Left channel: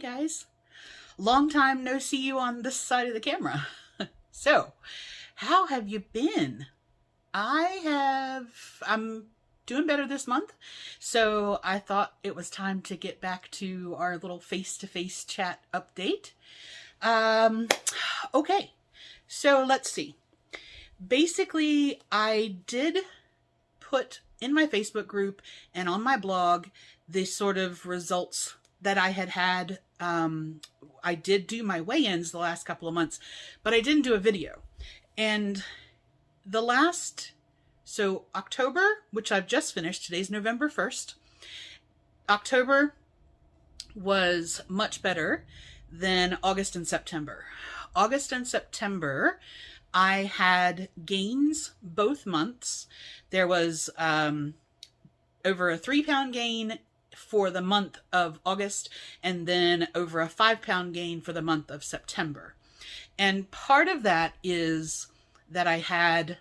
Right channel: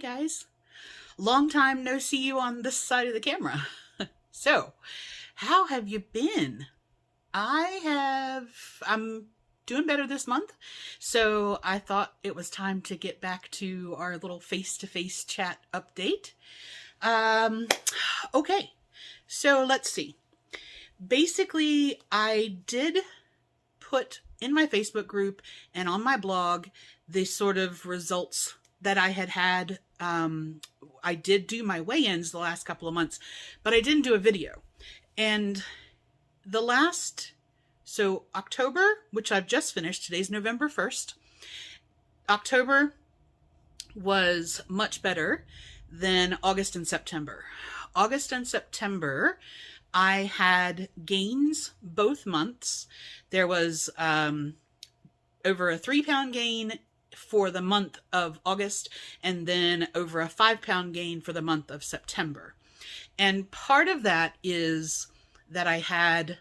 guys, long time no see you on this side of the camera. So, how have you been? I'm doing better this month, so I thought it was time to get back to our little face-to-face chat update. Okay, so let's see. Basically, I did put in my Facebook group and on my blog the sort of results that I had. I did do my weigh-ins the last couple of months, but I didn't do a video. And so October, which I've just finished, today's November 1st, October was much better than August and September. August and September, I had gains both months. There was over a 3-pound gain for the month of August, and then over a 5-pound gain for the month of September. And part of that is that I had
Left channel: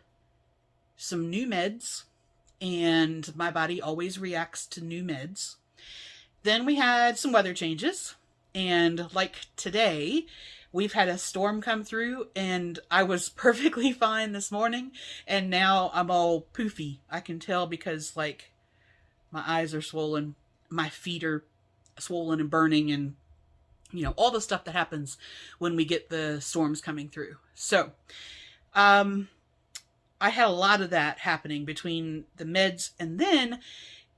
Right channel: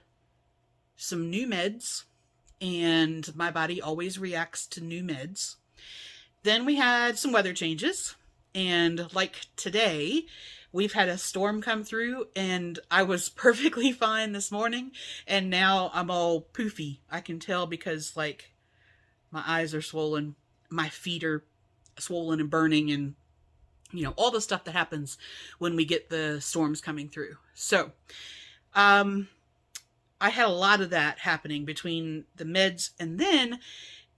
some new meds, and my body always reacts to new meds. Then we had some weather changes, and like today, we've had a storm come through, and I was perfectly fine this morning, and now I'm all poofy. I can tell because, like, my eyes are swollen, my feet are swollen and burning, and, you know, all the stuff that happens when we get the storms coming through. So, I had a lot of that happening between the meds, and then,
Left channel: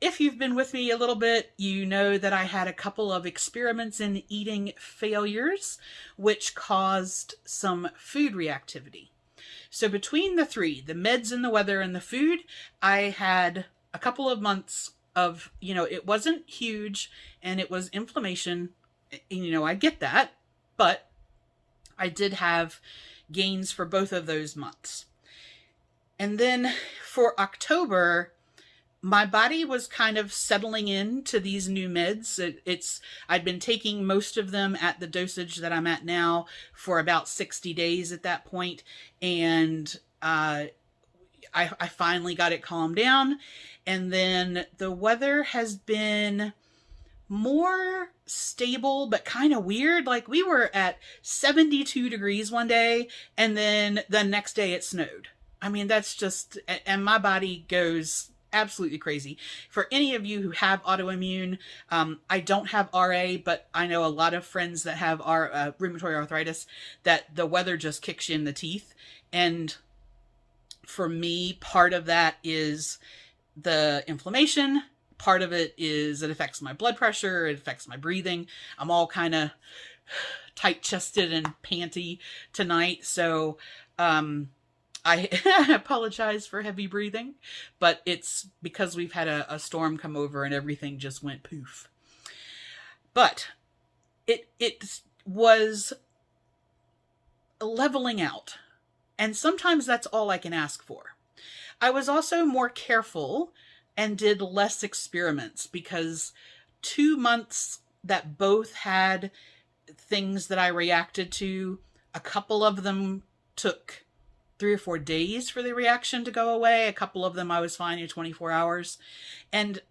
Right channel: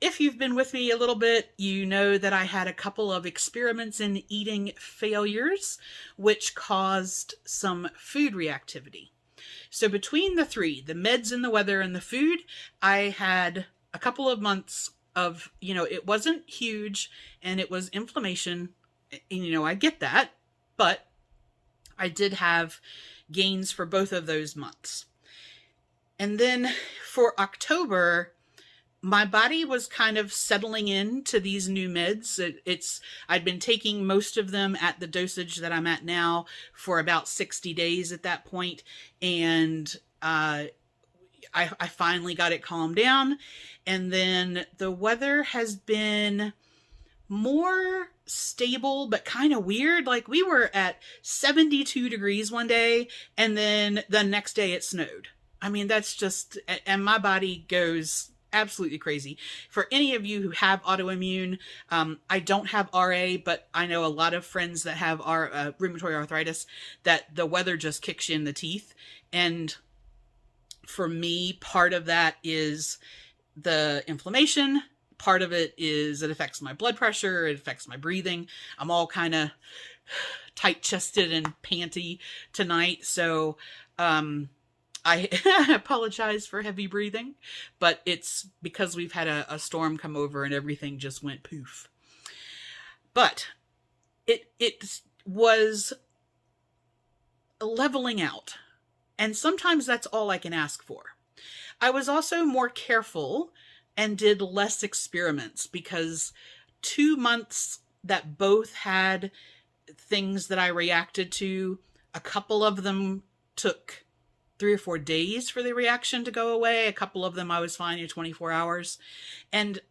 if you've been with me a little bit, you know that I had a couple of experiments in eating failures, which caused some food reactivity. So between the three, the meds and the weather and the food, I had a couple of months of, you know, it wasn't huge and it was inflammation. And, you know, I get that, but I did have gains for both of those months. And then for October, my body was kind of settling into these new meds. I'd been taking most of them at the dosage that I'm at now for about 60 days at that point. And I finally got it calmed down. And then the weather has been more stable, but kind of weird. Like, we were at 72 degrees one day, and then the next day it snowed. I mean, that's just, and my body goes absolutely crazy. For any of you who have autoimmune, I don't have RA, but I know a lot of friends that have rheumatoid arthritis, that the weather just kicks you in the teeth. And for me, part of that is the inflammation. Part of it is it affects my blood pressure. It affects my breathing. I'm all kind of tight-chested and panty tonight. So, I apologize for heavy breathing, but it's because we've had a storm come over and everything just went poof. But it was leveling out. And sometimes that's all I can ask for. I was also more careful and did less experiments, because 2 months that both had things that I reacted to, a couple of them took 3 or 4 days for the reaction to go away. A couple of them I was fine in 24 hours. And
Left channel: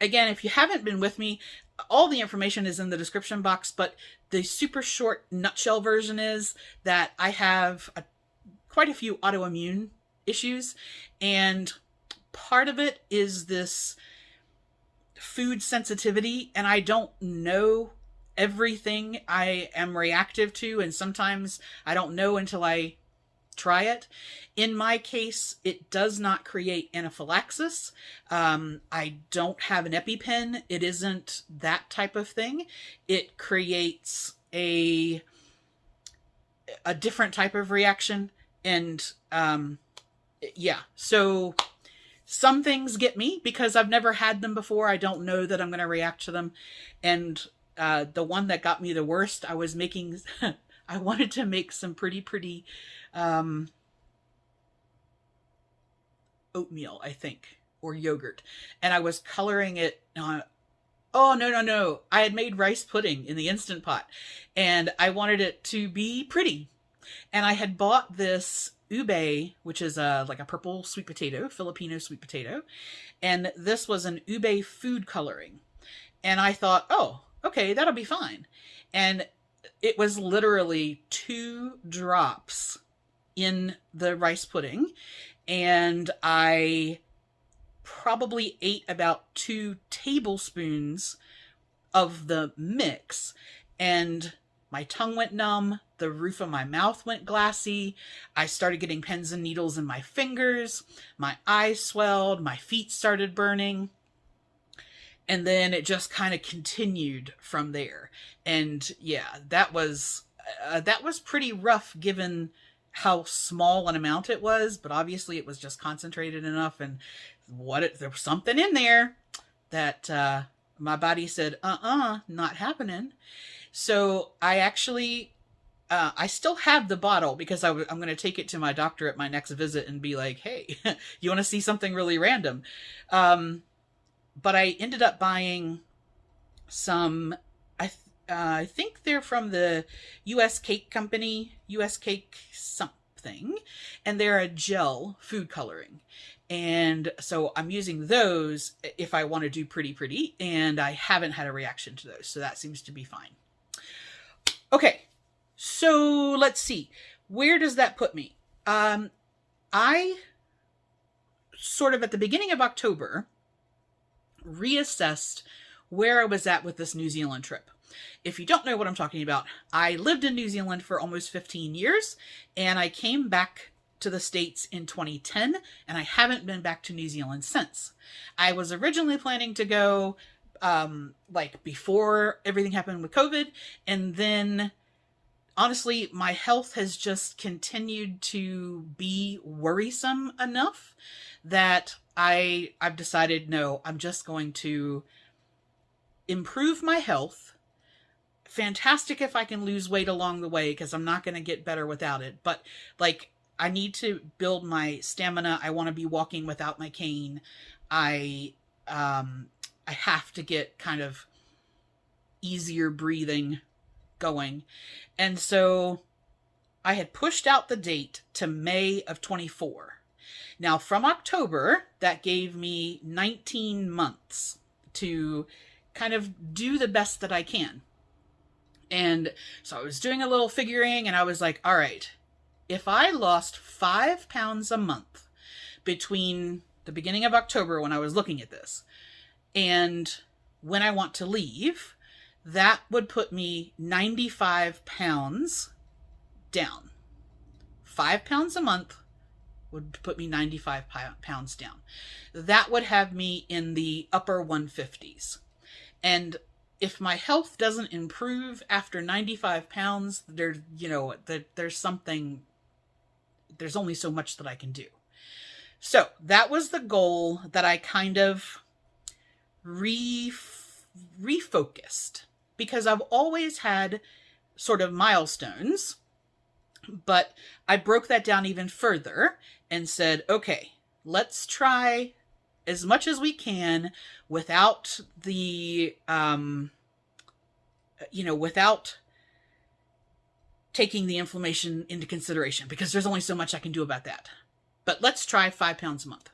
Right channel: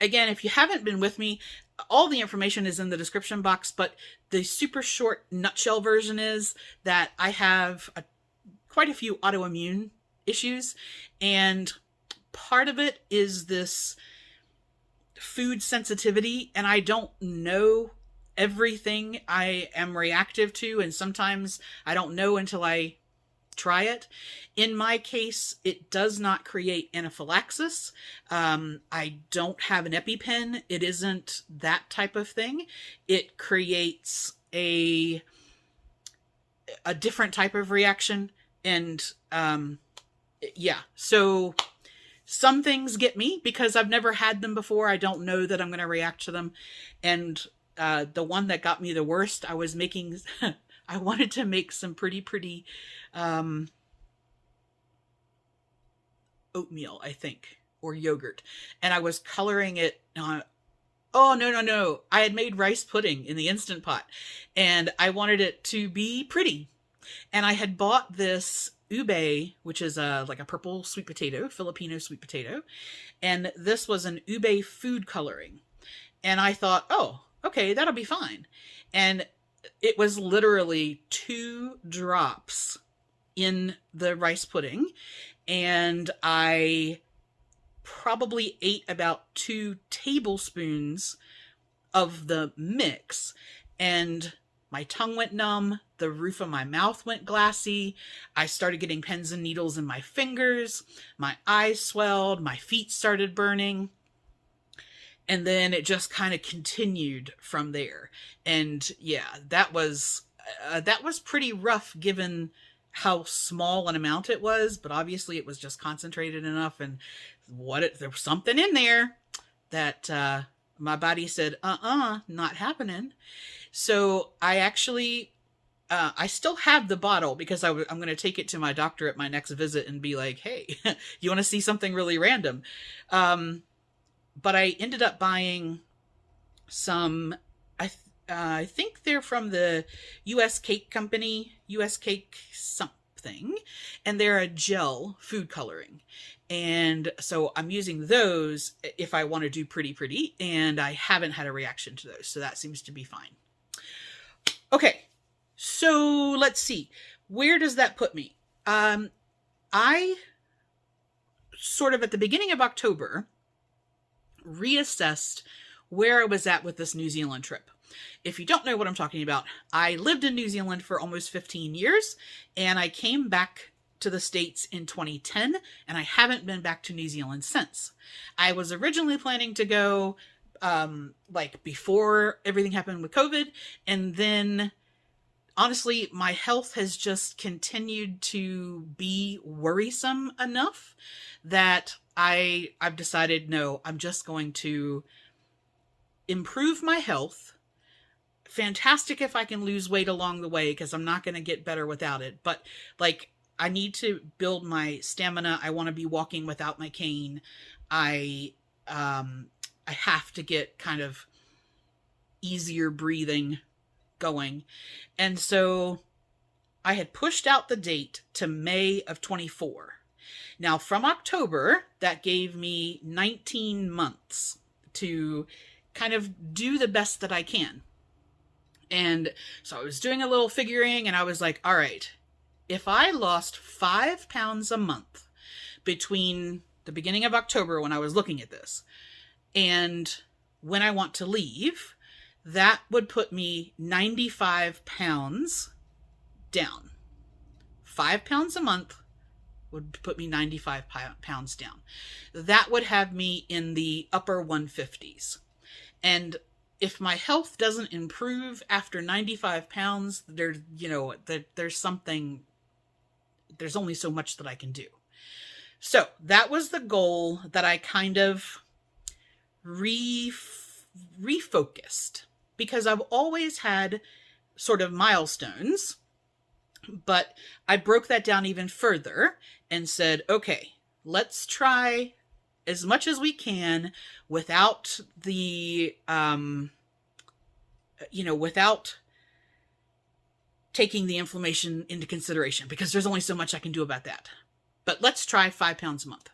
again, if you haven't been with me, all the information is in the description box, but the super short nutshell version is that I have quite a few autoimmune issues, and part of it is this food sensitivity, and I don't know everything I am reactive to, and sometimes I don't know until I try it. In my case, it does not create anaphylaxis. I don't have an EpiPen. It isn't that type of thing. It creates a different type of reaction. And yeah, so some things get me because I've never had them before. I don't know that I'm going to react to them. And the one that got me the worst, I was making, I wanted to make some pretty oatmeal, I think, or yogurt. And I was coloring it on, oh, no. I had made rice pudding in the Instant Pot, and I wanted it to be pretty. And I had bought this ube, which is like a purple sweet potato, Filipino sweet potato. And this was an ube food coloring. And I thought, oh, okay, that'll be fine. And it was literally 2 drops in the rice pudding. And I probably ate about 2 tablespoons of the mix, and my tongue went numb, the roof of my mouth went glassy, I started getting pins and needles in my fingers, my eyes swelled, my feet started burning, and then it just kind of continued from there. And yeah, that was pretty rough given how small an amount it was, but obviously it was just concentrated enough, and there was something in there that my body said, not happening. So I actually, I still have the bottle because I'm going to take it to my doctor at my next visit and be like, hey, you want to see something really random? But I ended up buying some, I think they're from the U.S. Cake Company, U.S. Cake something, and they're a gel food coloring. And so I'm using those if I want to do pretty, and I haven't had a reaction to those. So that seems to be fine. Okay, so let's see. Where does that put me? I sort of at the beginning of October reassessed where I was at with this New Zealand trip. If you don't know what I'm talking about, I lived in New Zealand for almost 15 years, and I came back to the States in 2010, and I haven't been back to New Zealand since. I was originally planning to go like before everything happened with COVID, and then honestly, my health has just continued to be worrisome enough that I've decided, no, I'm just going to improve my health. Fantastic if I can lose weight along the way, because I'm not going to get better without it. But like, I need to build my stamina. I want to be walking without my cane. I have to get kind of easier breathing going. And so I had pushed out the date to May of 24. Now from October, that gave me 19 months to kind of do the best that I can. And so I was doing a little figuring, and I was like, all right, if I lost 5 pounds a month between the beginning of October when I was looking at this and when I want to leave, that would put me 95 pounds down. 5 pounds a month would put me 95 pounds down. That would have me in the upper 150s. And if my health doesn't improve after 95 pounds, there's only so much that I can do. So that was the goal that I kind of refocused, because I've always had sort of milestones, but I broke that down even further and said, okay, let's try as much as we can without the, without taking the inflammation into consideration, because there's only so much I can do about that. But let's try 5 pounds a month.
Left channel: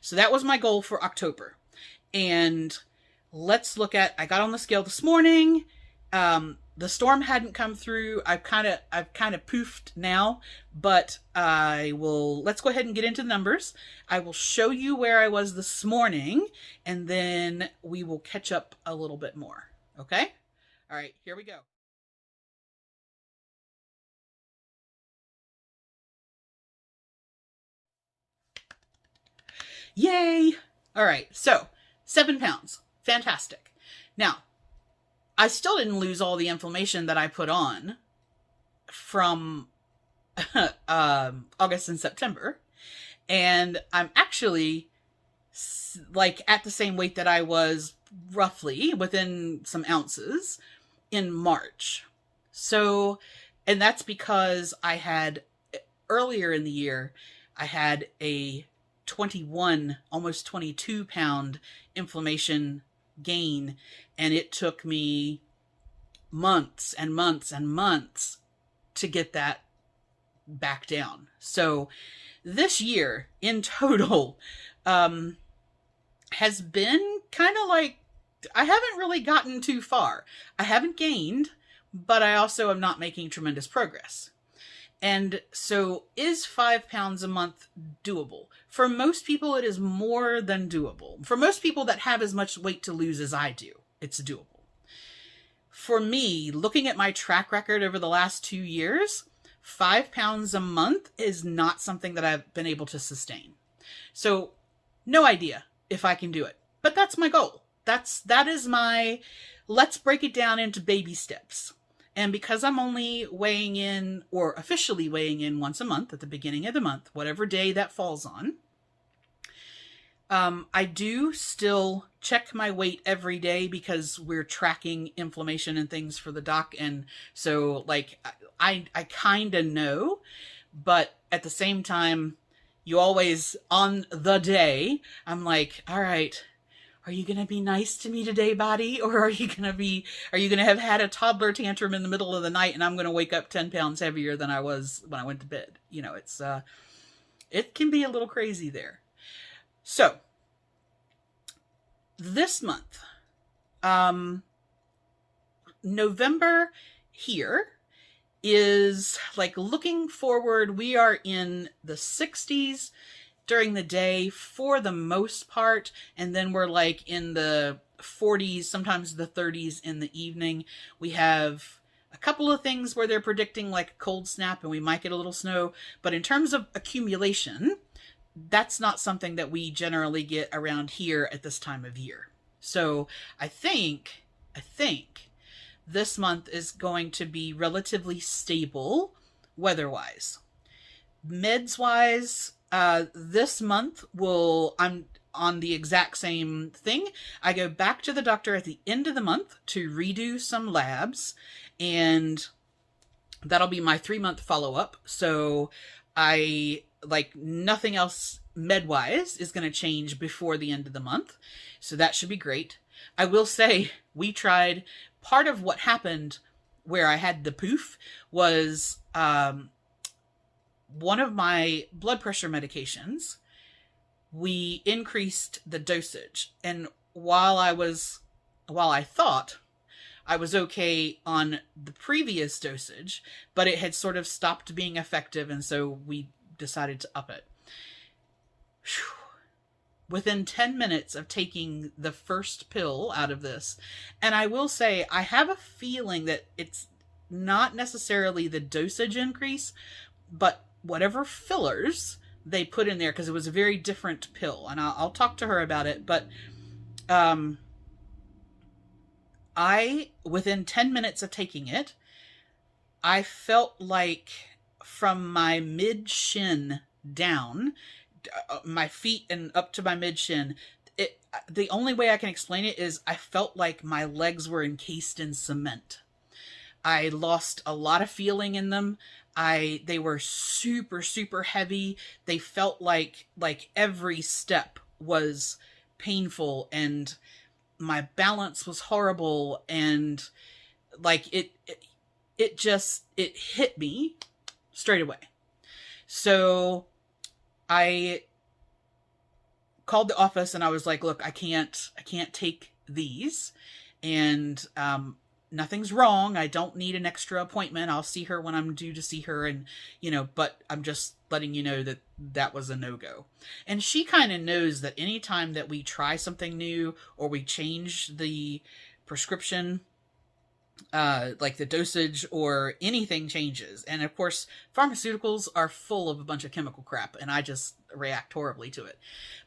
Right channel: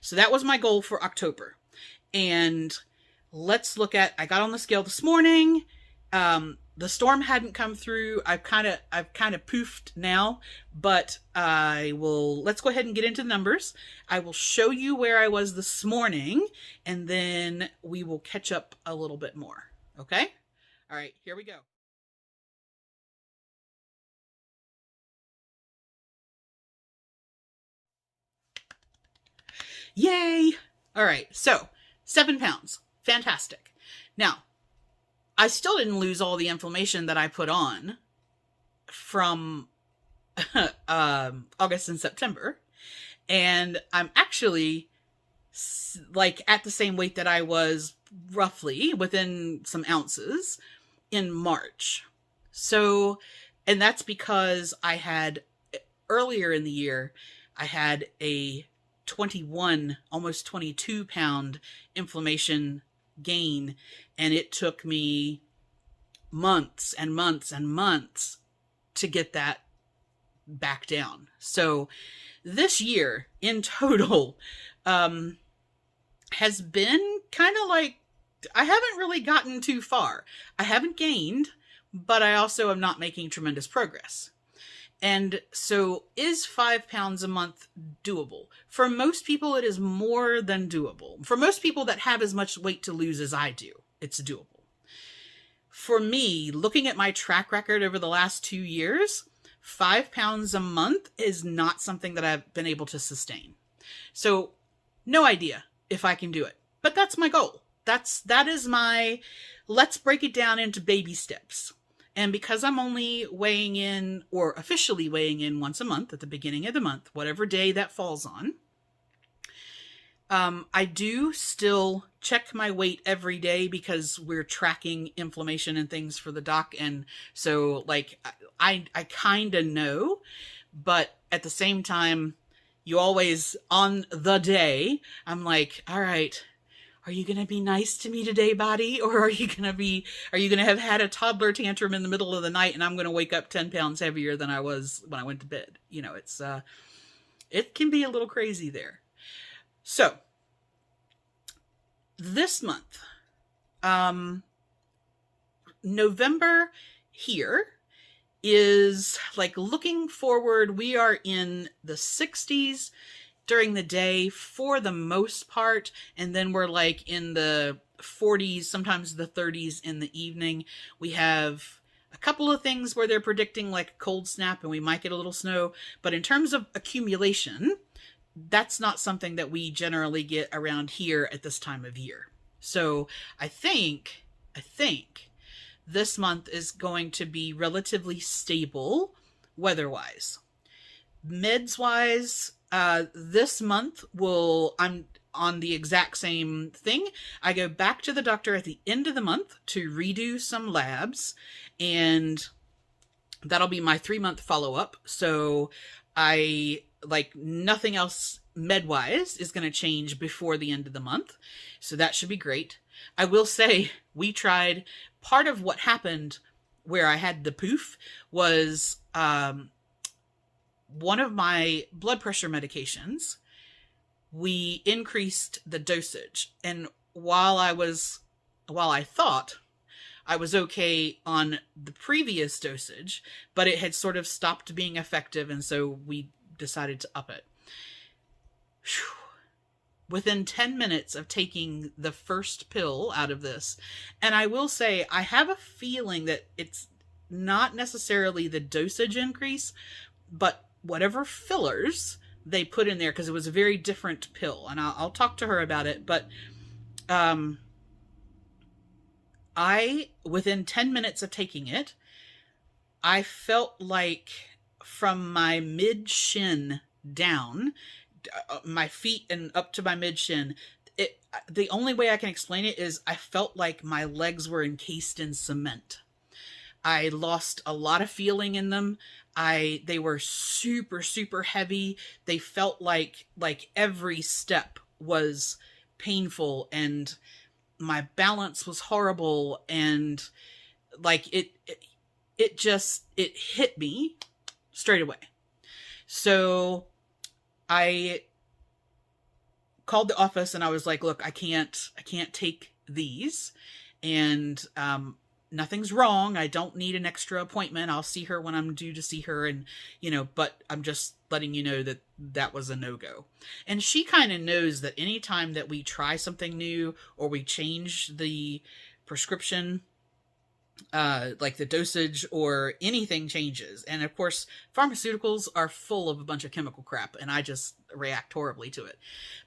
So that was my goal for October. And let's look at, I got on the scale this morning. The storm hadn't come through. I've kind of poofed now, but let's go ahead and get into the numbers. I will show you where I was this morning, and then we will catch up a little bit more. Okay? All right, here we go. Yay! All right, so 7 pounds. Fantastic. Now, I still didn't lose all the inflammation that I put on from August and September. And I'm actually like at the same weight that I was roughly within some ounces in March. So, and that's because I had earlier in the year, I had a 21, almost 22 pound inflammation gain. And it took me months and months and months to get that back down. So this year in total has been kind of like I haven't really gotten too far. I haven't gained, but I also am not making tremendous progress. And so is 5 pounds a month doable? For most people, it is more than doable. For most people that have as much weight to lose as I do, it's doable. For me, looking at my track record over the last 2 years, 5 pounds a month is not something that I've been able to sustain. So no idea if I can do it, but that's my goal. That is my, let's break it down into baby steps. And because I'm only weighing in, or officially weighing in once a month at the beginning of the month, whatever day that falls on, I do still check my weight every day because we're tracking inflammation and things for the doc. And so like, I kind of know, but at the same time, you always, on the day, I'm like, all right, are you going to be nice to me today, body? Or are you going to have had a toddler tantrum in the middle of the night and I'm going to wake up 10 pounds heavier than I was when I went to bed? You know, it can be a little crazy there. So this month, November here is like looking forward. We are in the 60s during the day for the most part. And then we're like in the 40s, sometimes the 30s in the evening. We have a couple of things where they're predicting like a cold snap and we might get a little snow. But in terms of accumulation, that's not something that we generally get around here at this time of year. So I think this month is going to be relatively stable weather-wise. Meds-wise, this month I'm on the exact same thing. I go back to the doctor at the end of the month to redo some labs, and that'll be my 3-month follow-up. So nothing else med-wise is going to change before the end of the month. So that should be great. I will say we tried, part of what happened where I had the poof was one of my blood pressure medications, we increased the dosage. And while I thought I was okay on the previous dosage, but it had sort of stopped being effective. And so we decided to up it. Whew. Within 10 minutes of taking the first pill out of this, and I will say, I have a feeling that it's not necessarily the dosage increase, but whatever fillers they put in there, because it was a very different pill, and I'll talk to her about it, but within 10 minutes of taking it, I felt like from my mid-shin down, my feet and up to my mid-shin, the only way I can explain it is I felt like my legs were encased in cement. I lost a lot of feeling in them. They were super, super heavy. They felt like every step was painful, and my balance was horrible, and like it hit me straight away. So I called the office and I was like, look, I can't take these, and nothing's wrong. I don't need an extra appointment. I'll see her when I'm due to see her, and but I'm just letting you know that was a no-go. And she kind of knows that anytime that we try something new or we change the prescription, like the dosage or anything changes. And of course, pharmaceuticals are full of a bunch of chemical crap, and I just react horribly to it.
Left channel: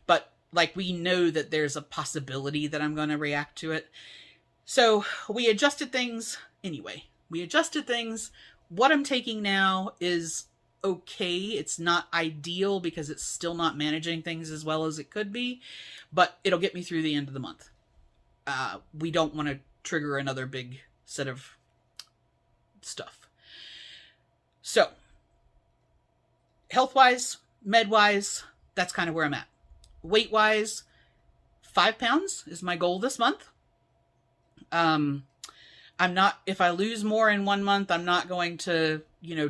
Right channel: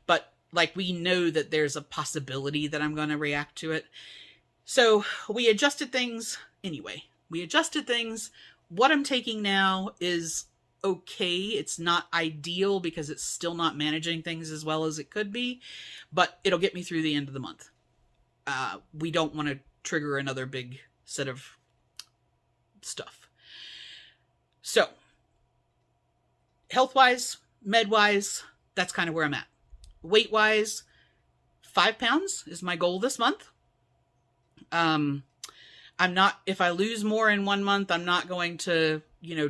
But like, we know that there's a possibility that I'm going to react to it. So we adjusted things anyway. What I'm taking now is okay. It's not ideal because it's still not managing things as well as it could be, but it'll get me through the end of the month. We don't want to trigger another big set of stuff. So health-wise, med-wise, that's kind of where I'm at. Weight-wise, 5 pounds is my goal this month. If I lose more in 1 month, I'm not going to,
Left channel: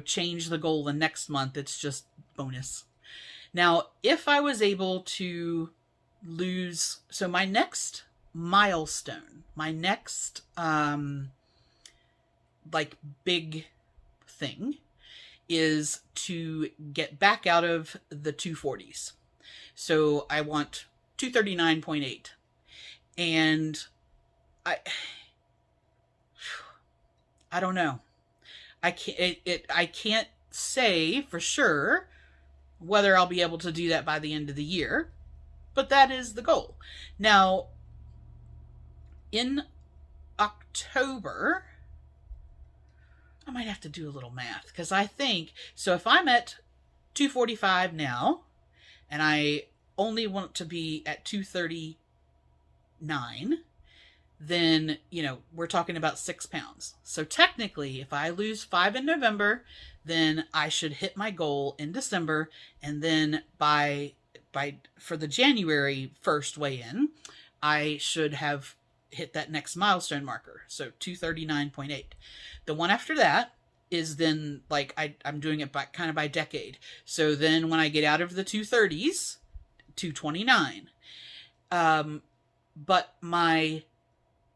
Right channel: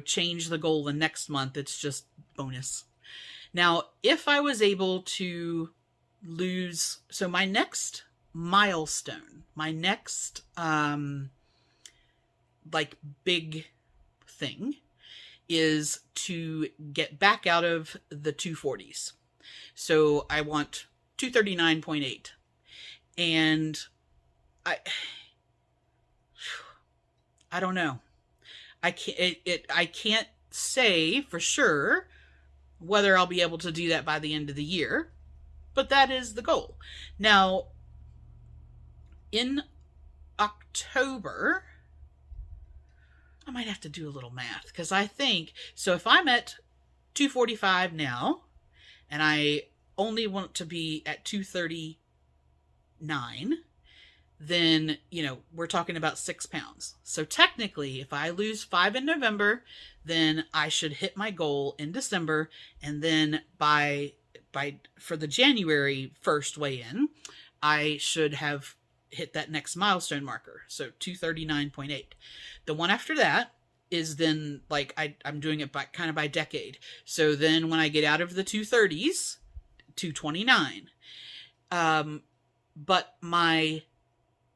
change the goal the next month. It's just bonus. Now, if I was able to lose, so my next milestone, my next like big thing is to get back out of the 240s. So I want 239.8. And I don't know. I can't say for sure whether I'll be able to do that by the end of the year, but that is the goal. Now, in October, I might have to do a little math, because I think, so if I'm at 245 now, and I only want to be at 239, then, you know, we're talking about 6 pounds. So technically, if I lose 5 in November, then I should hit my goal in December, and then for the January 1st weigh-in, I should have hit that next milestone marker. So 239.8. The one after that is then, like, I'm doing it kind of by decade. So then when I get out of the 230s, 229. But my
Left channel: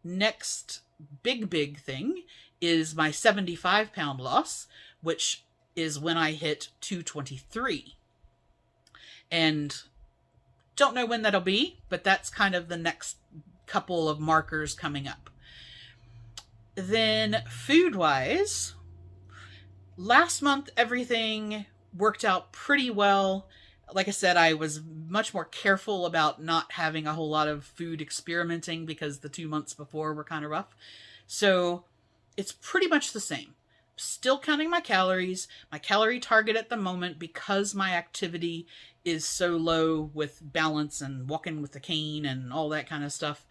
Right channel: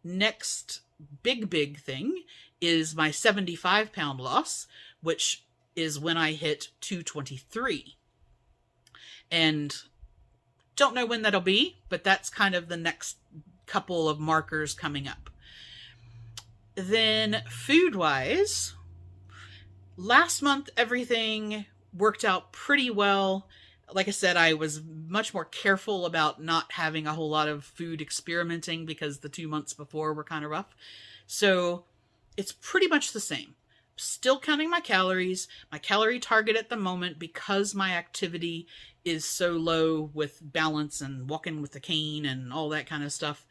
next big thing is my 75-pound loss, which is when I hit 223. And don't know when that'll be, but that's kind of the next couple of markers coming up. Then food-wise, last month everything worked out pretty well. Like I said, I was much more careful about not having a whole lot of food experimenting because the 2 months before were kind of rough. So it's pretty much the same. Still counting my calories. My calorie target at the moment, because my activity is so low with balance and walking with the cane and all that kind of stuff,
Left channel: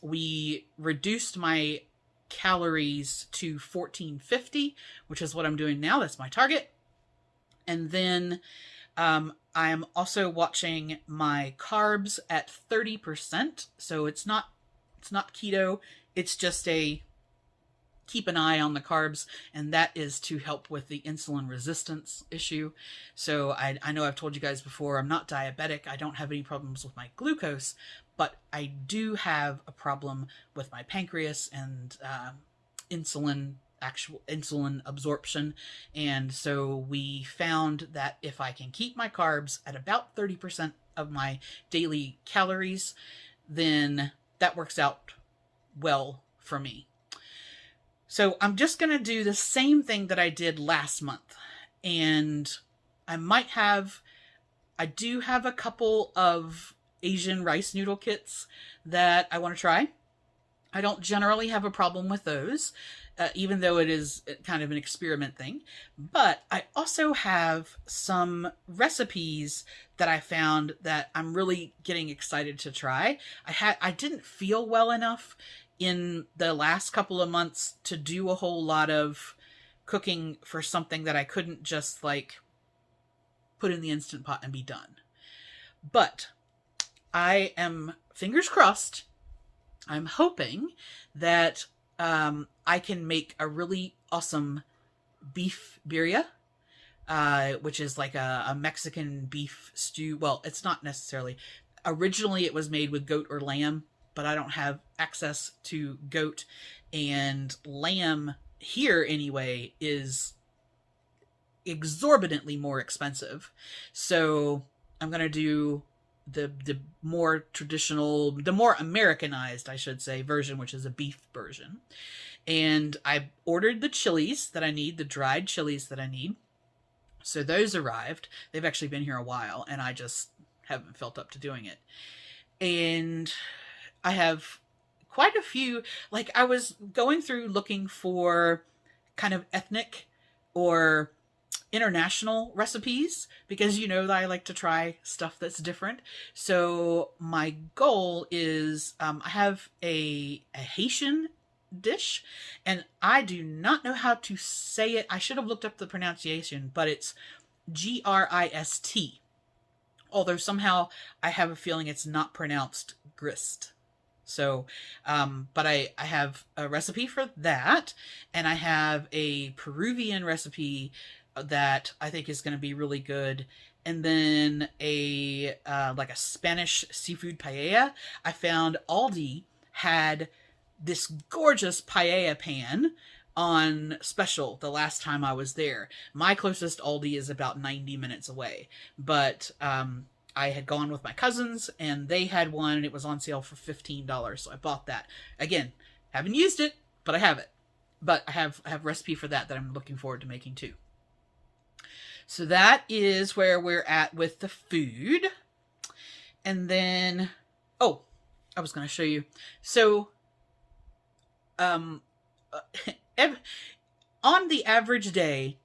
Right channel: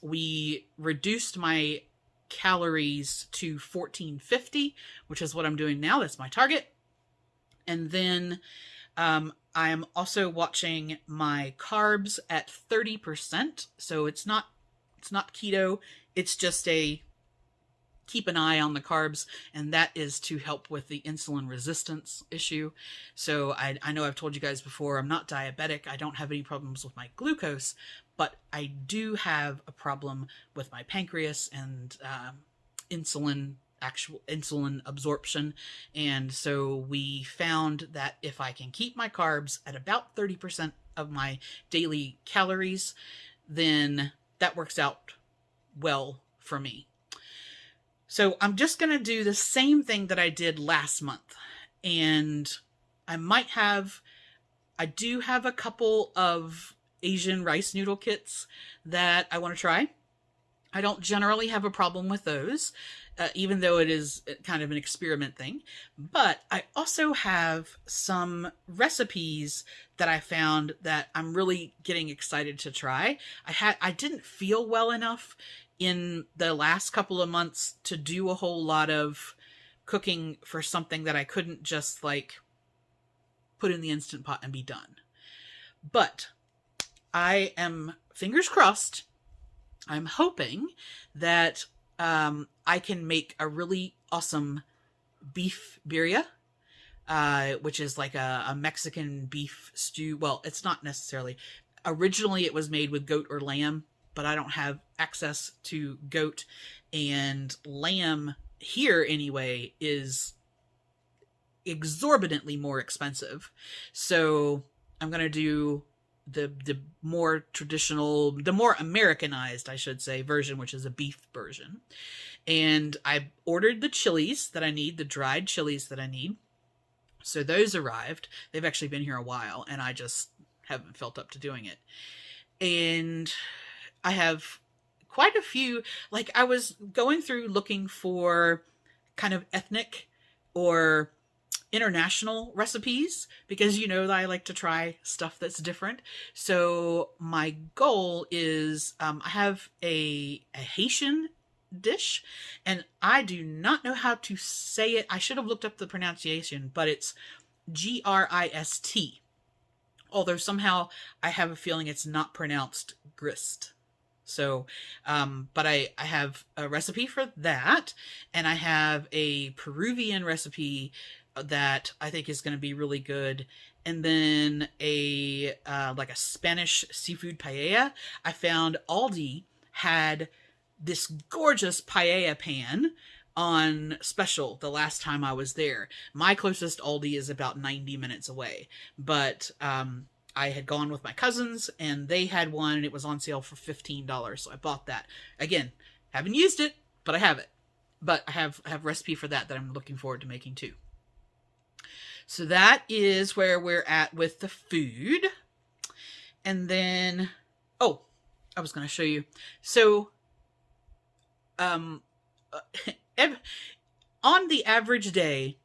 we reduced my calories to 1450, which is what I'm doing now. That's my target. And then I am also watching my carbs at 30%. So it's not keto. It's just keep an eye on the carbs, and that is to help with the insulin resistance issue. So I know I've told you guys before, I'm not diabetic. I don't have any problems with my glucose, but I do have a problem with my pancreas and actual insulin absorption. And so we found that if I can keep my carbs at about 30% of my daily calories, then that works out well for me. So I'm just going to do the same thing that I did last month. And I do have a couple of Asian rice noodle kits that I want to try. I don't generally have a problem with those, even though it is kind of an experiment thing. But I also have some recipes that I found that I'm really getting excited to try. I didn't feel well enough in the last couple of months to do a whole lot of cooking for something that I couldn't just like put in the Instant Pot and be done. But I am, fingers crossed, I'm hoping that I can make a really awesome beef birria, which is like a Mexican beef stew. Well, it's not necessarily. Originally it was made with goat or lamb, but I don't have access to goat, and lamb here anyway is exorbitantly more expensive. So I'm going to do the more traditional, the more Americanized, I should say, version, which is a beef version. And I ordered the chilies that I need, the dried chilies that I need. So those arrived. They've actually been here a while, and I just haven't felt up to doing it. And I have quite a few, like I was going through looking for kind of ethnic or international recipes, because you know that I like to try stuff that's different. So my goal is, I have a Haitian dish, and I do not know how to say it. I should have looked up the pronunciation, but it's Grist. Although somehow I have a feeling it's not pronounced grist. So, but I have a recipe for that, and I have a Peruvian recipe that I think is going to be really good. and then a like a Spanish seafood paella. I found Aldi had this gorgeous paella pan on special the last time I was there. My closest Aldi is about 90 minutes away, but I had gone with my cousins and they had one and it was on sale for $15, so I bought that. Again, haven't used it, but I have it. But I have recipe for that I'm looking forward to making too. So that is where we're at with the food. And then, oh, I was going to show you. So, on the average day,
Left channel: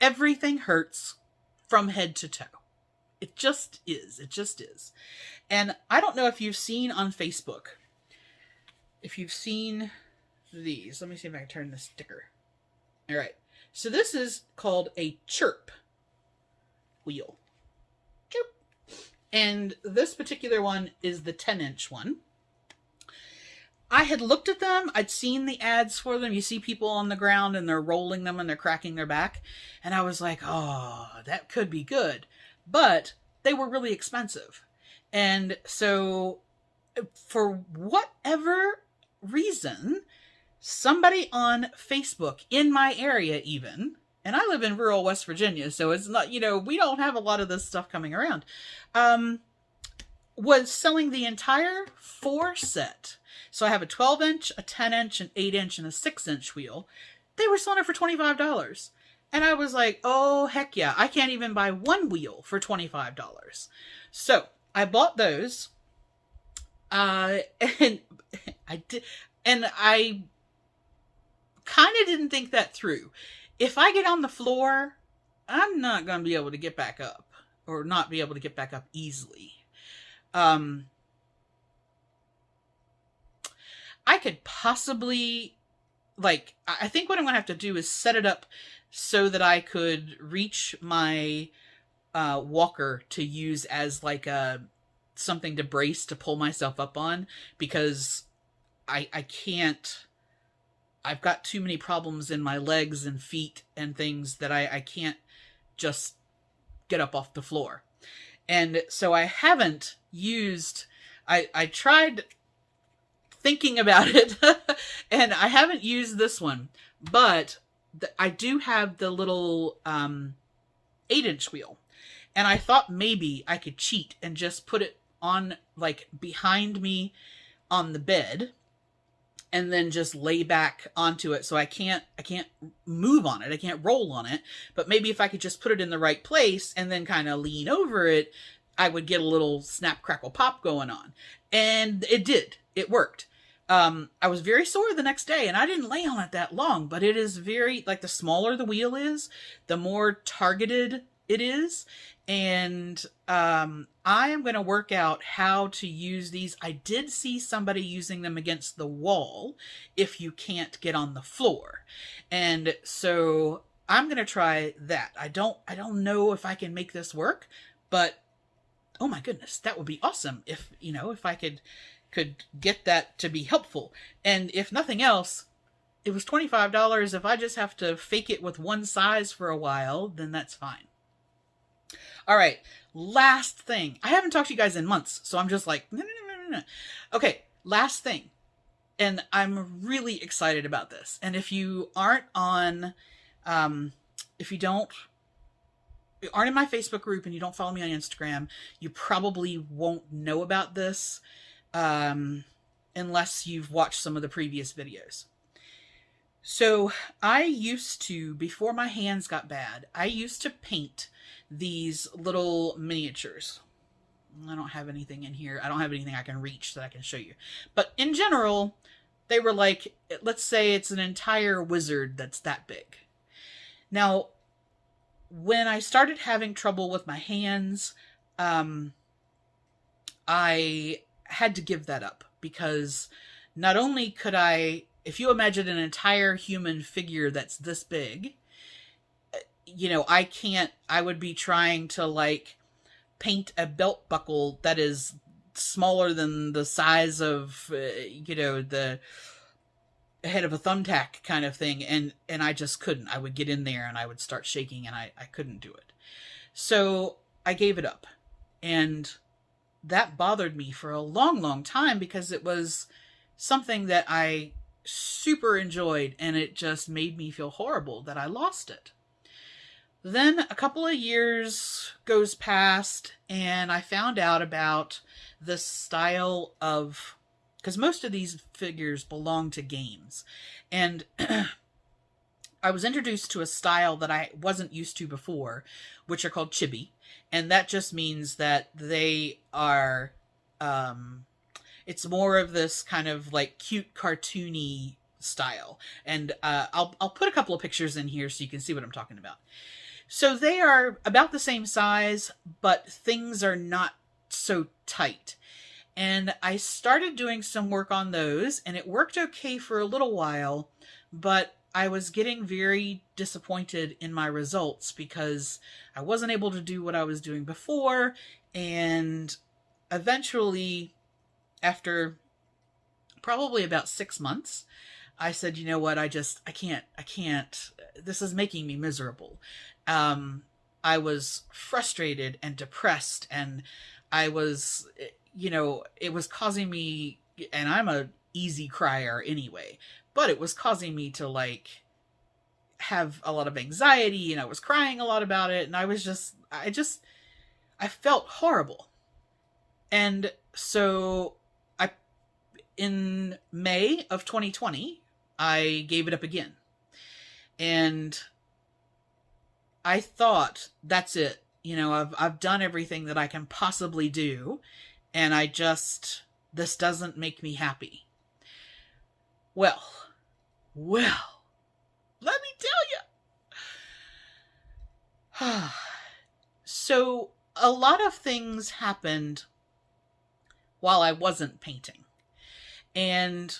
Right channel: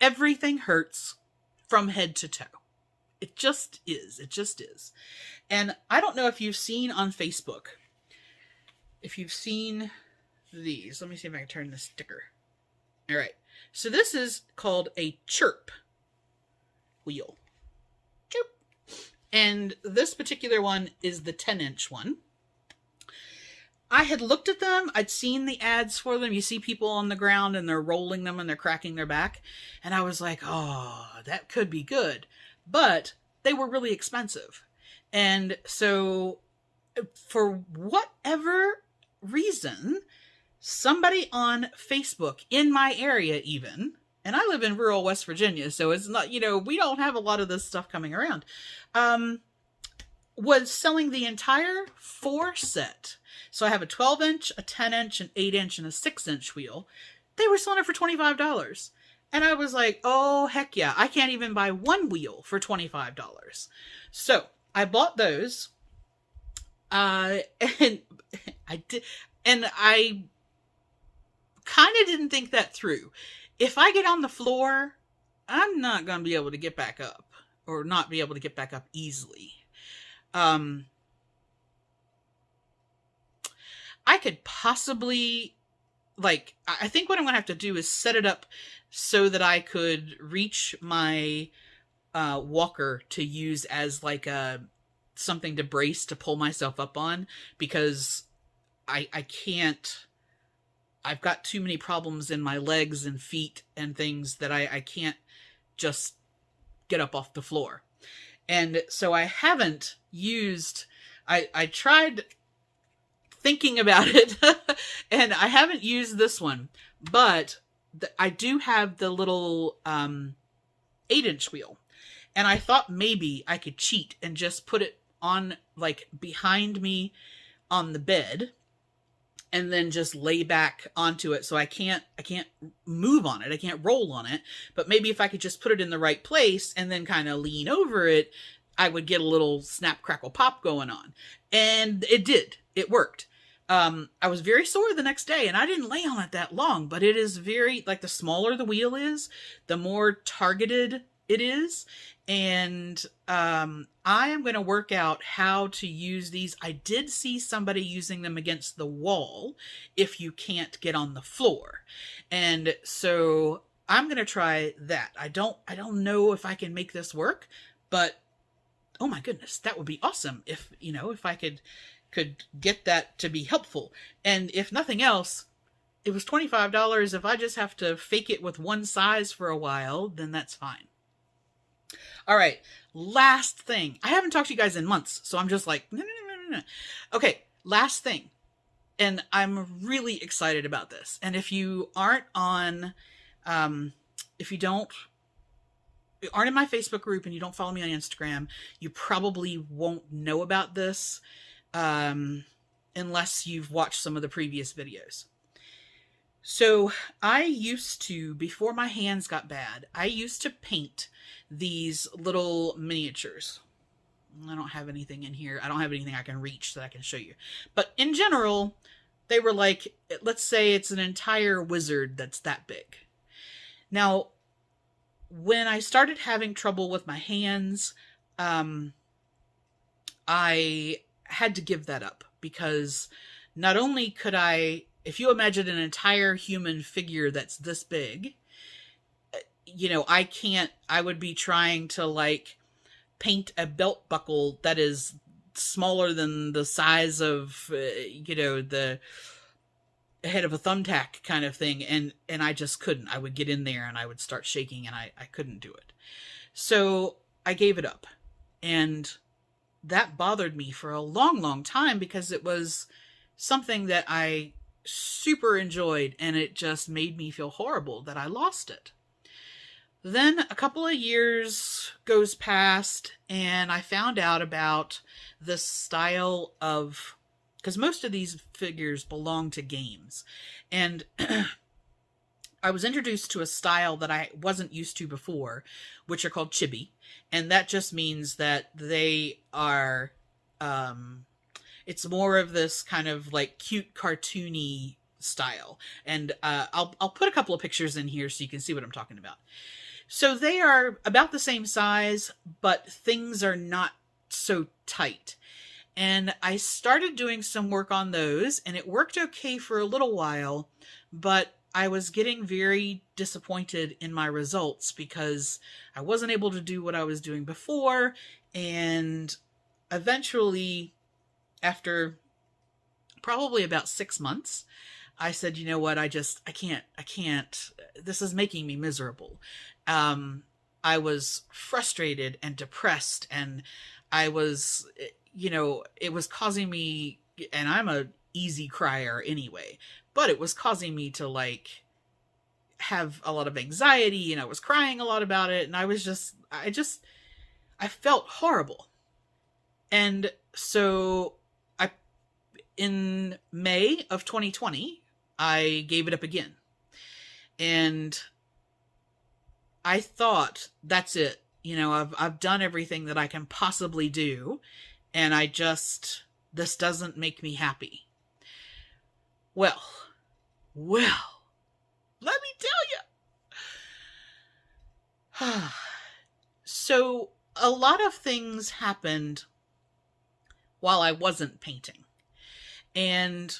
everything hurts from head to toe. It just is. It just is. And I don't know if you've seen on Facebook, if you've seen these. Let me see if I can turn the sticker. All right. So this is called a chirp wheel. Chirp. And this particular one is the 10-inch one. I had looked at them. I'd seen the ads for them. You see people on the ground and they're rolling them and they're cracking their back. And I was like, oh, that could be good. But they were really expensive. And so for whatever reason, somebody on Facebook in my area even, and I live in rural West Virginia, so it's not, you know, we don't have a lot of this stuff coming around, was selling the entire 4 set. So I have a 12-inch, a 10-inch, an 8-inch, and a 6-inch wheel. They were selling it for $25. And I was like, oh, heck yeah. I can't even buy one wheel for $25. So I bought those. And I did. And I kind of didn't think that through. If I get on the floor, I'm not going to be able to get back up, or not be able to get back up easily. I could possibly, like, I think what I'm going to have to do is set it up so that I could reach my walker to use as like something to brace to pull myself up on, because I can't, I've got too many problems in my legs and feet and things that I can't just get up off the floor. And so I haven't used, I tried thinking about it and I haven't used this one, but I do have the little 8-inch wheel, and I thought maybe I could cheat and just put it on like behind me on the bed and then just lay back onto it. So I can't move on it. I can't roll on it, but maybe if I could just put it in the right place and then kind of lean over it, I would get a little snap, crackle, pop going on. And it did. It worked. I was very sore the next day and I didn't lay on it that long, but it is very, like, the smaller the wheel is, the more targeted it is. And I am going to work out how to use these. I did see somebody using them against the wall if you can't get on the floor. And so I'm going to try that. I don't know if I can make this work, but oh my goodness, that would be awesome if, you know, if I could get that to be helpful. And if nothing else, it was $25. If I just have to fake it with one size for a while, then that's fine. All right, last thing. I haven't talked to you guys in months, so I'm just like, no. Okay, last thing. And I'm really excited about this. And if you aren't on, if you aren't in my Facebook group and you don't follow me on Instagram, you probably won't know about this unless you've watched some of the previous videos. So I used to, before my hands got bad, I used to paint these little miniatures. I don't have anything in here. I don't have anything I can reach that I can show you. But in general, they were like, let's say it's an entire wizard that's that big. Now, when I started having trouble with my hands, I had to give that up, because not only could I, if you imagine an entire human figure that's this big, you know, I would be trying to like paint a belt buckle that is smaller than the size of, you know, the head of a thumbtack kind of thing. And I just couldn't. I would get in there and I would start shaking and I couldn't do it. So I gave it up. And that bothered me for a long, long time because it was something that I super enjoyed, and it just made me feel horrible that I lost it. Then a couple of years goes past, and I found out about this style of, because most of these figures belong to games, and I was introduced to a style that I wasn't used to before, which are called chibi. And that just means that they are, it's more of this kind of like cute cartoony style. And I'll put a couple of pictures in here so you can see what I'm talking about. So they are about the same size, but things are not so tight. And I started doing some work on those, and it worked okay for a little while, but I was getting very disappointed in my results because I wasn't able to do what I was doing before. And eventually, after probably about 6 months, I said, you know what, I can't, this is making me miserable. I was frustrated and depressed, and I was, it was causing me, and I'm a easy crier anyway, but it was causing me to like have a lot of anxiety, and I was crying a lot about it. And I felt horrible. And so in May of 2020, I gave it up again. And I thought, that's it. I've done everything that I can possibly do. And this doesn't make me happy. Well, let me tell you. So a lot of things happened while I wasn't painting. And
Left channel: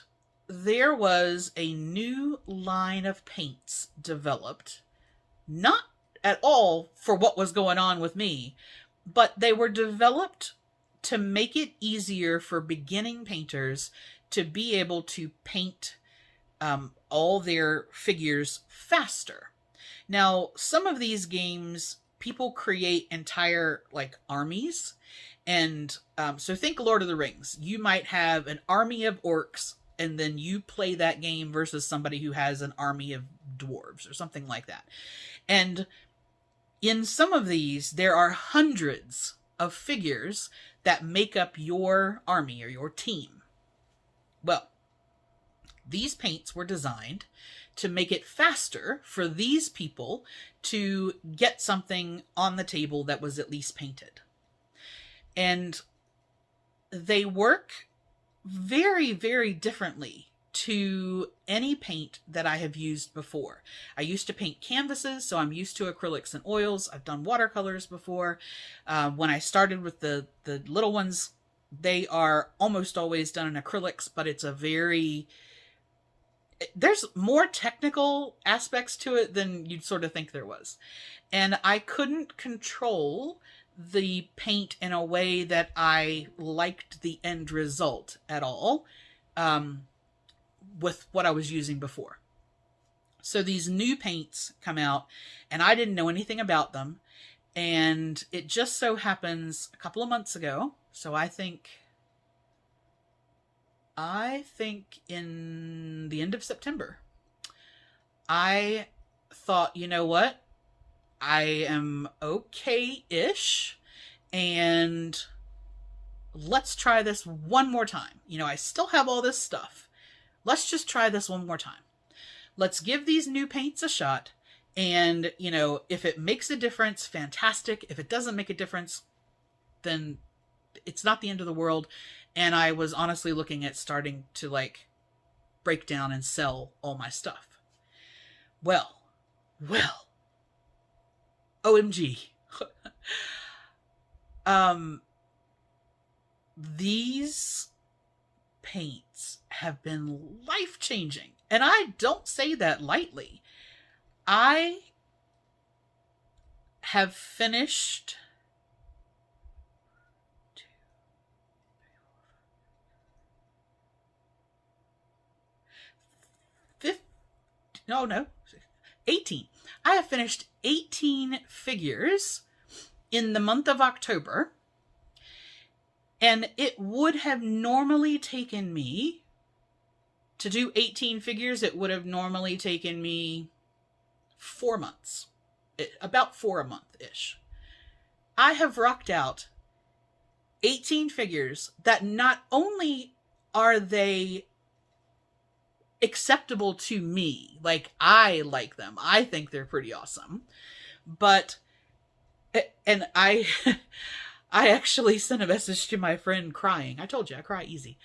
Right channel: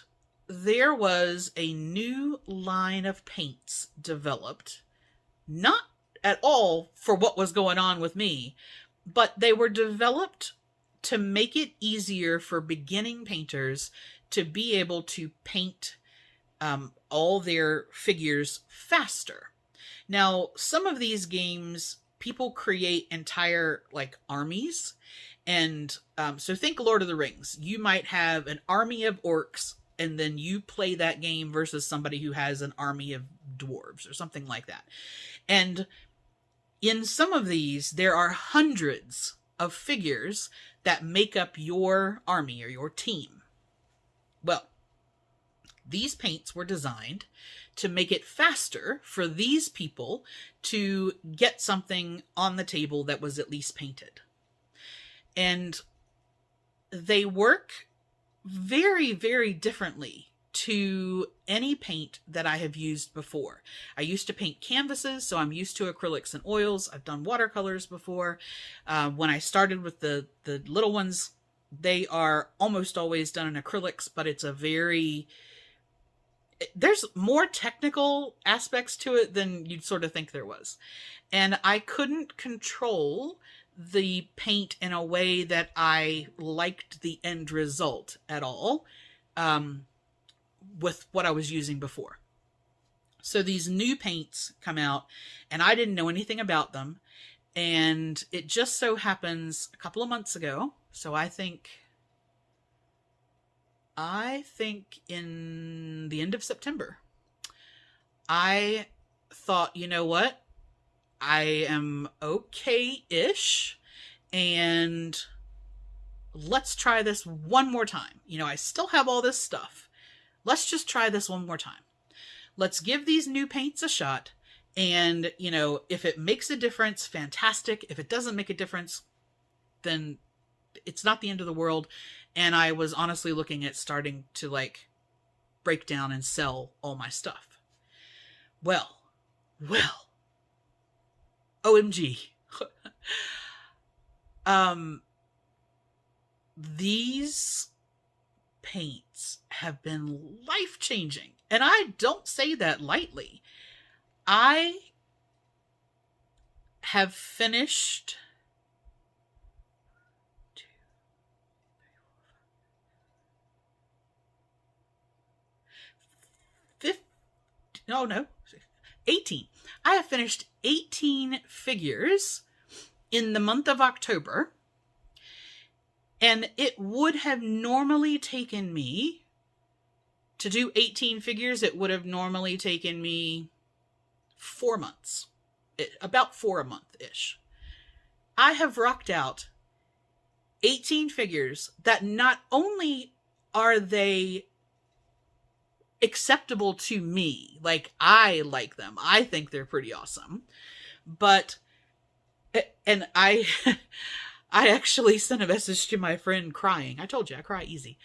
there was a new line of paints developed, not at all for what was going on with me, but they were developed to make it easier for beginning painters to be able to paint all their figures faster. Now, some of these games, people create entire like armies. And so think Lord of the Rings. You might have an army of orcs, and then you play that game versus somebody who has an army of dwarves or something like that. And in some of these, there are hundreds of figures that make up your army or your team. Well, these paints were designed to make it faster for these people to get something on the table that was at least painted. And they work very, very differently to any paint that I have used before. I used to paint canvases, so I'm used to acrylics and oils. I've done watercolors before. When I started with the little ones, they are almost always done in acrylics, but there's more technical aspects to it than you'd sort of think there was. And I couldn't control the paint in a way that I liked the end result at all with what I was using before. So these new paints come out, and I didn't know anything about them. And it just so happens a couple of months ago, so I think in the end of September, I thought, you know what? I am okay-ish, and let's try this one more time. I still have all this stuff. Let's just try this one more time. Let's give these new paints a shot, and, if it makes a difference, fantastic. If it doesn't make a difference, then it's not the end of the world. And I was honestly looking at starting to break down and sell all my stuff. Well, OMG. These paints have been life-changing. And I don't say that lightly. I have finished No, 18. I have finished 18 figures in the month of October, and it would have normally taken me to do 18 figures. It would have normally taken me 4 months, about 4 a month-ish. I have rocked out 18 figures that not only are they acceptable to me, like I like them, I think they're pretty awesome, but, and I actually sent a message to my friend crying. I told you I cry easy.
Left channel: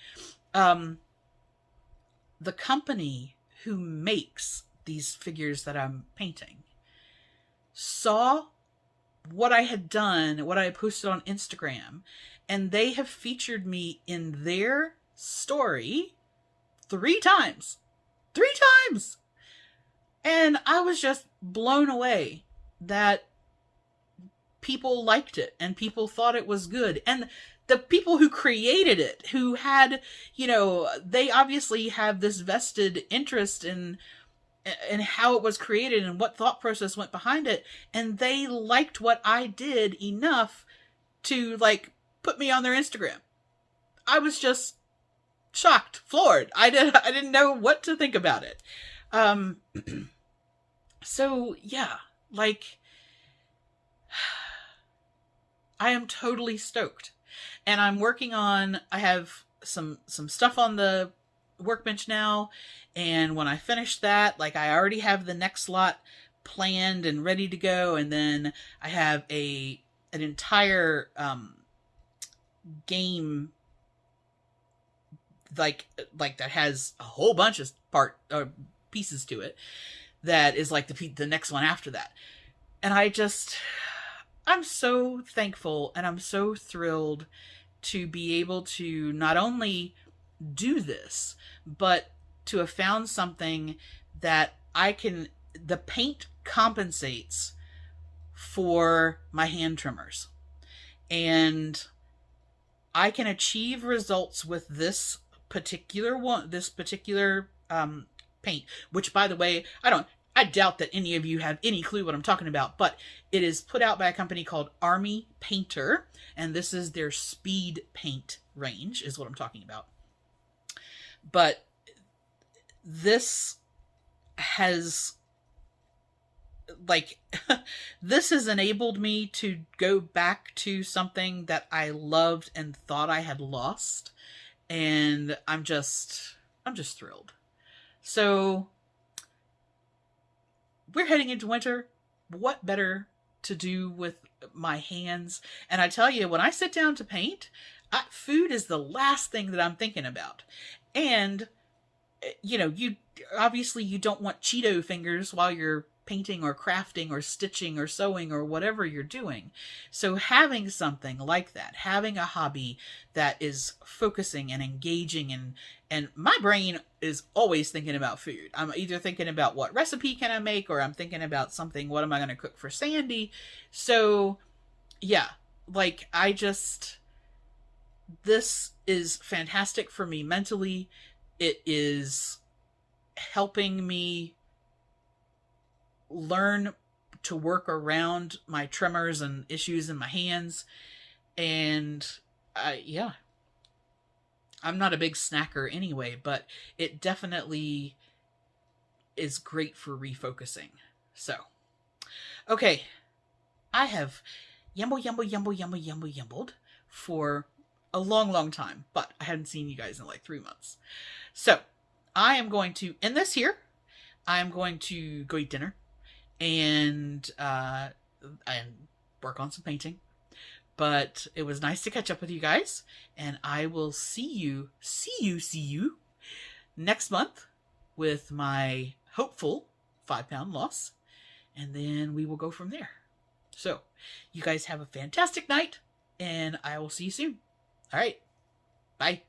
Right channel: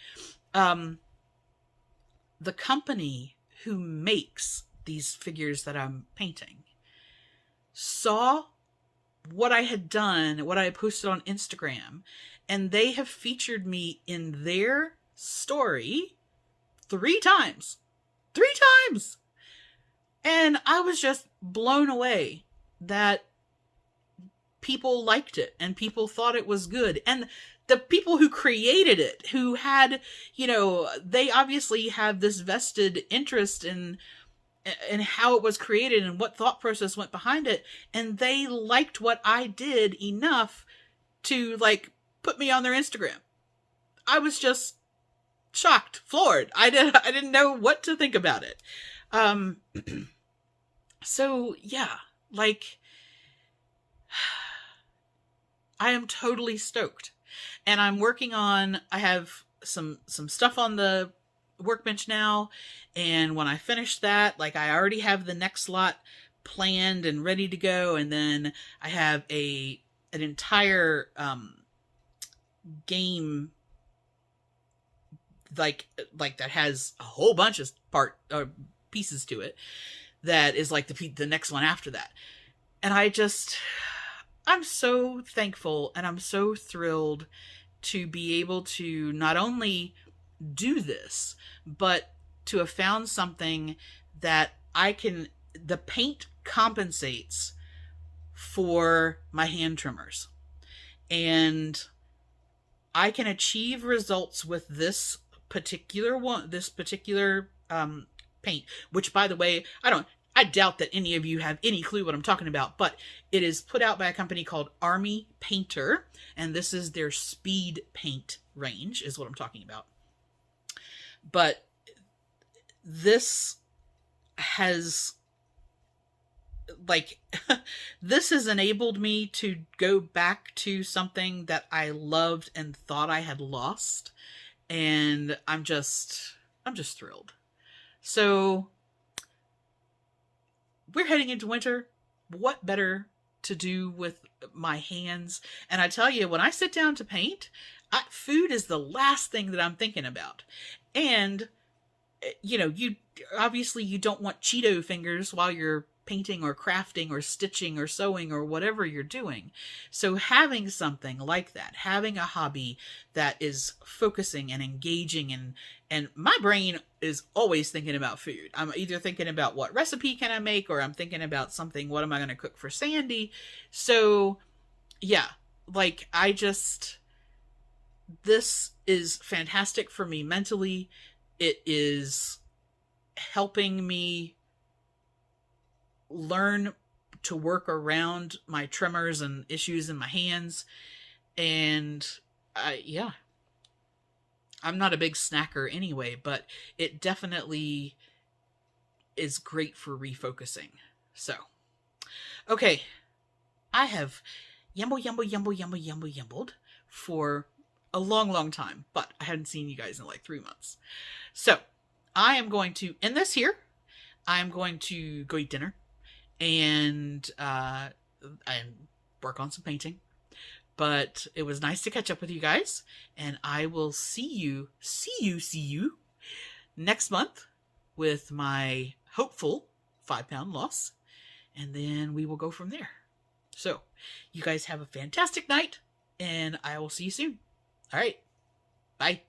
The company who makes these figures that I'm painting saw what I had done, what I had posted on Instagram, and they have featured me in their story 3 times. 3 times! And I was just blown away that people liked it and people thought it was good. And the people who created it, who had, you know, they obviously have this vested interest in how it was created and what thought process went behind it. And they liked what I did enough to, like, put me on their Instagram. I was just shocked, floored. I didn't know what to think about it. So yeah, like, I am totally stoked. And I'm working on, I have some stuff on the workbench now. And when I finish that, like, I already have the next lot planned and ready to go. And then I have an entire, game, like that has a whole bunch of pieces to it, that is like the next one after that. And I'm so thankful and I'm so thrilled to be able to not only do this, but to have found something that the paint compensates for my hand trimmers. And I can achieve results with this particular paint, which, by the way, I doubt that any of you have any clue what I'm talking about, but it is put out by a company called Army Painter, and this is their speed paint range, is what I'm talking about. But this has, like, this has enabled me to go back to something that I loved and thought I had lost. And I'm just thrilled. So we're heading into winter. What better to do with my hands? And I tell you, when I sit down to paint, food is the last thing that I'm thinking about. And, you know, you don't want Cheeto fingers while you're painting or crafting or stitching or sewing or whatever you're doing. So having something like that, having a hobby that is focusing and engaging, and my brain is always thinking about food. I'm either thinking about what recipe can I make, or I'm thinking about something, what am I going to cook for Sandy? So yeah, like, this is fantastic for me mentally. It is helping me learn to work around my tremors and issues in my hands. And I'm not a big snacker anyway, but it definitely is great for refocusing. So, okay, I have yumbled for a long time, but I hadn't seen you guys in like 3 months. So I am going to end this here. I'm going to go eat dinner and work on some painting. But it was nice to catch up with you guys, and I will see you next month with my hopeful 5-pound loss, and then we will go from there. So you guys have a fantastic night, and I will see you soon. All right. Bye.